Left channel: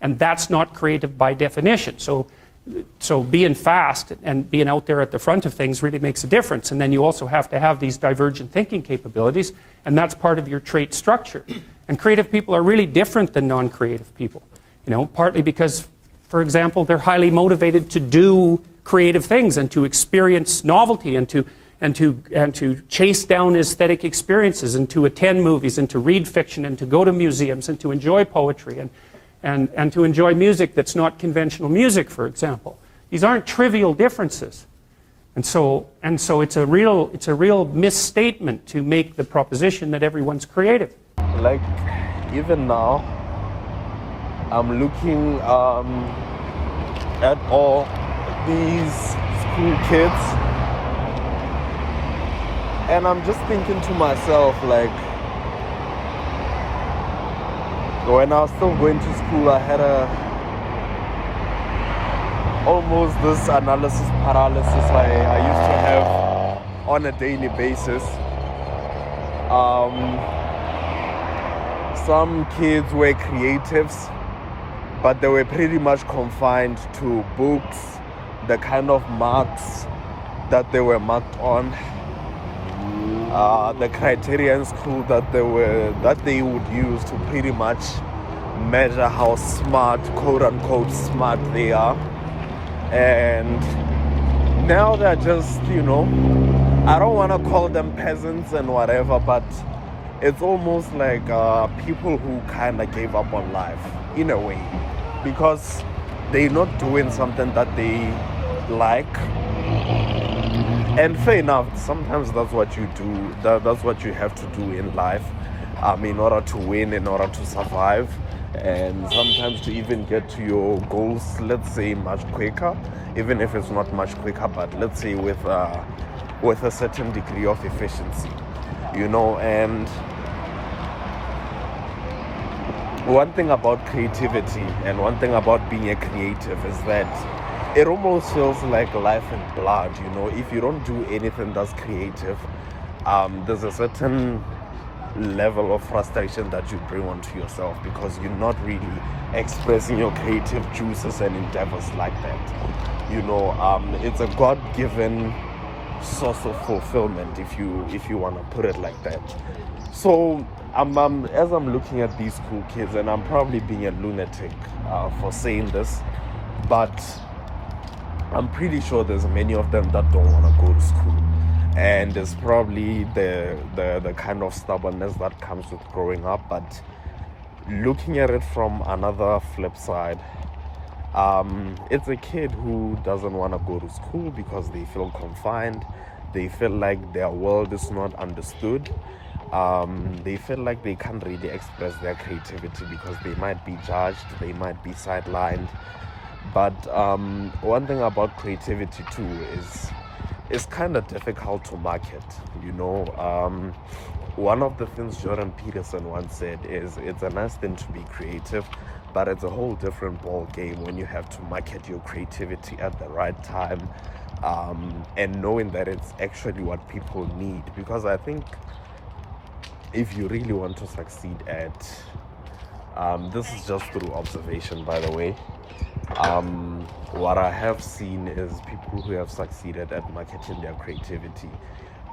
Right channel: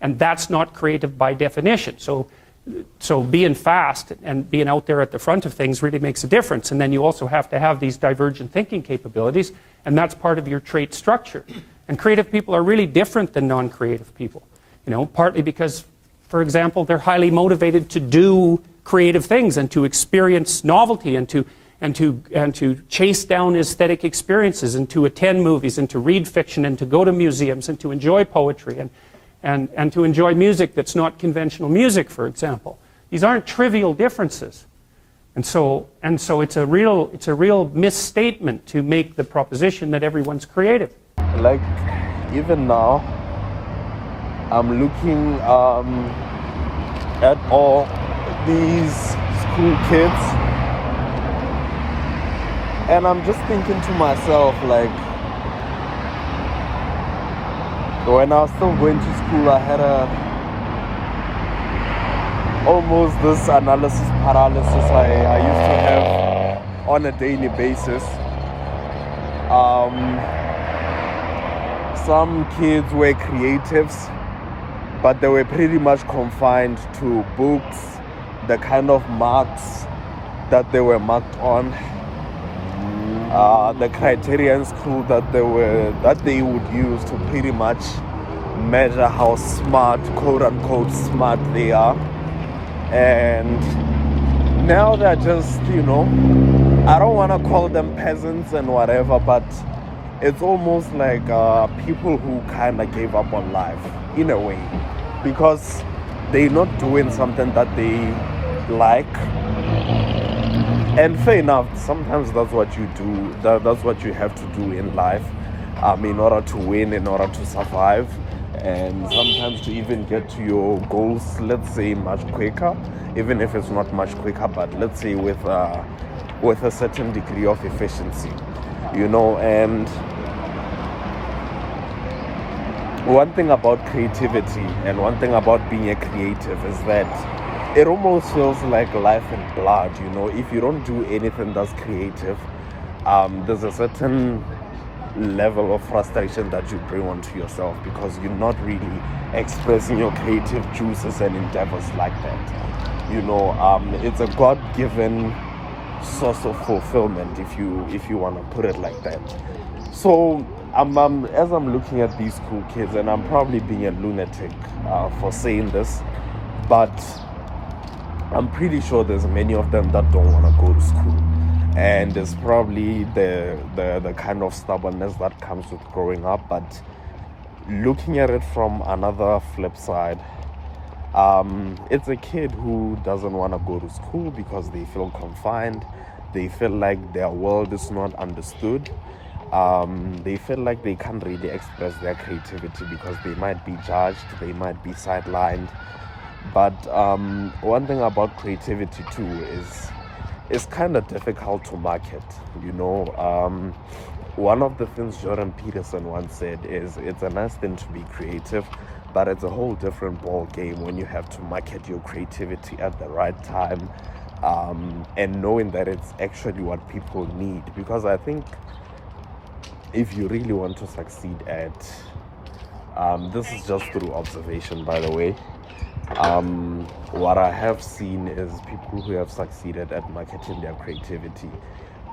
And that's not creative by definition. So being fast and being out there at the front of things really makes a difference. And then you also have to have these divergent thinking capabilities, and that's part of your trait structure. And creative people are really different than non-creative people. Partly because, for example, they're highly motivated to do creative things and to experience novelty and to chase down aesthetic experiences and to attend movies and to read fiction and to go to museums and to enjoy poetry and to enjoy music that's not conventional music, for example. These aren't trivial differences. And so it's a real misstatement to make the proposition that everyone's creative. Like, even now, I'm looking at all these school kids, and I'm just thinking to myself, like, when I was still going to school, I had almost this analysis-paralysis I used to have on a daily basis. Some kids were creatives, but they were pretty much confined to books, the kind of marks that they were marked on, the criteria in school that they would use to pretty much measure how smart, quote unquote smart, they are. And now they're just, I don't want to call them peasants and whatever, but it's almost like people who kind of gave up on life in a way, because they're not doing something that they like. And fair enough, sometimes that's what you do, that's what you have to do in life, in order to win, in order to survive, and sometimes to even get to your goals, let's say, much quicker, even if it's not much quicker, but let's say with a certain degree of efficiency, and one thing about creativity and one thing about being a creative is that it almost feels like life and blood. If you don't do anything that's creative, there's a certain level of frustration that you bring onto yourself, because you're not really expressing your creative juices and endeavors like that. It's a God-given source of fulfillment, if you want to put it like that. So as I'm looking at these cool kids, and I'm probably being a lunatic for saying this, but I'm pretty sure there's many of them that don't want to go to school, and there's probably the kind of stubbornness that comes with growing up. But looking at it from another flip side, it's a kid who doesn't want to go to school because they feel confined, they feel like their world is not understood, they feel like they can't really express their creativity because they might be judged, they might be sidelined. But one thing about creativity too is it's kind of difficult to market. One of the things Jordan Peterson once said is it's a nice thing to be creative, but it's a whole different ball game when you have to market your creativity at the right time, and knowing that it's actually what people need. Because I think if you really want to succeed at, this is just through observation, by the way, what I have seen is people who have succeeded at marketing their creativity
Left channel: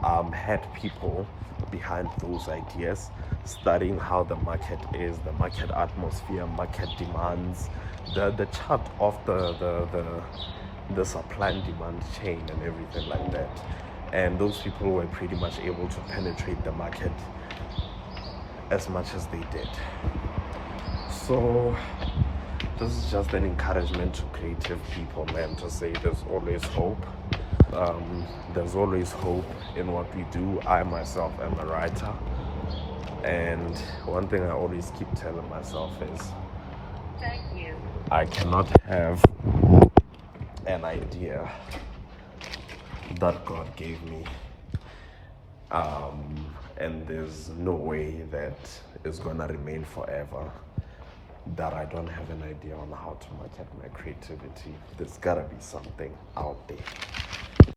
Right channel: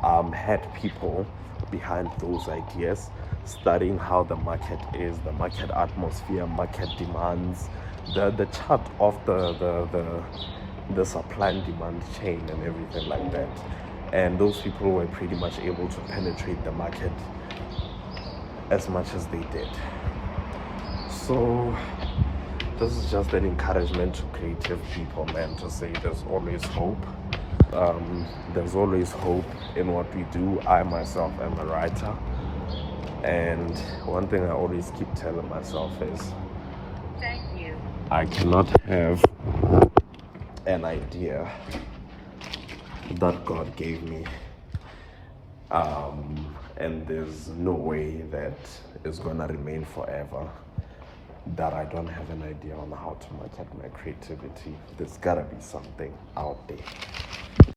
had people behind those ideas, studying how the market is, the market atmosphere, market demands, the chart of the supply and demand chain and everything like that. And those people were pretty much able to penetrate the market as much as they did. So this is just an encouragement to creative people, man, to say there's always hope. There's always hope in what we do. I myself am a writer, and one thing I always keep telling myself is I cannot have an idea that God gave me, and there's no way that it's gonna remain forever, that I don't have an idea on how to market my creativity. There's gotta be something out there.